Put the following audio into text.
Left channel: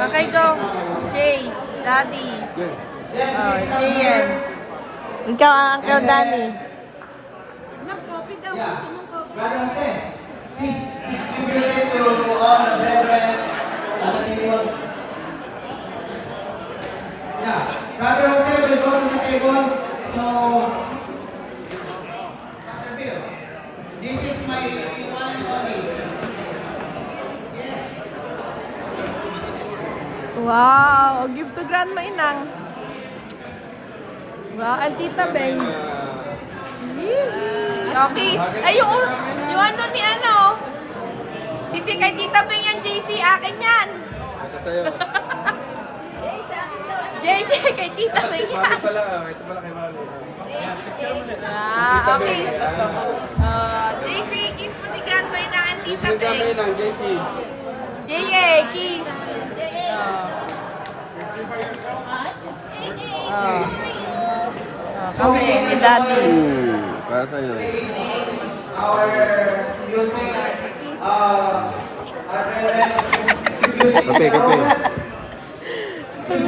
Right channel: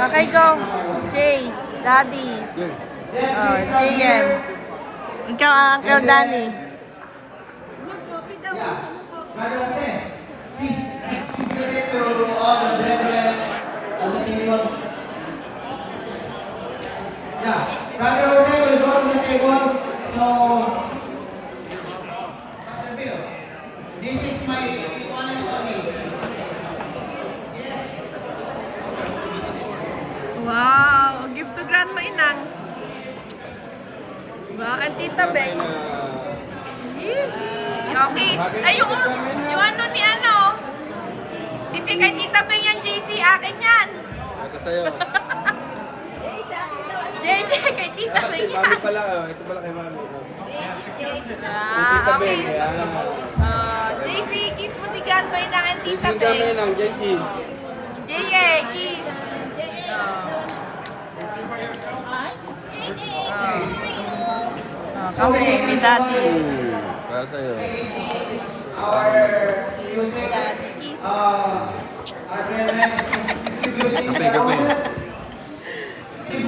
Okay, go. Jay, Daddy. Oh, JM. Ikaw ang Uncle Danny. Brother Jose, please distribute it to all the brethren on the table. Yeah, Brother Jose will go to the table. So, Pastor Bill, this is my one and only. Yes. Wow, give to Grandma Inang. Wow, ang Tita Beng. Okay, ay yung ano ni ano. Hindi kay Tita Beng yan, JC, akin yan. Ito sa'yo. JJ, kay Tita Beng yan. Ito pala kay Mami. Okay. JC, kiss mo si Grandma Inang and Tita JC kami Beng. ng JC. JA, kiss. Kami, ni Daddy. Para sa'yo. Our music, our brethren, Kape.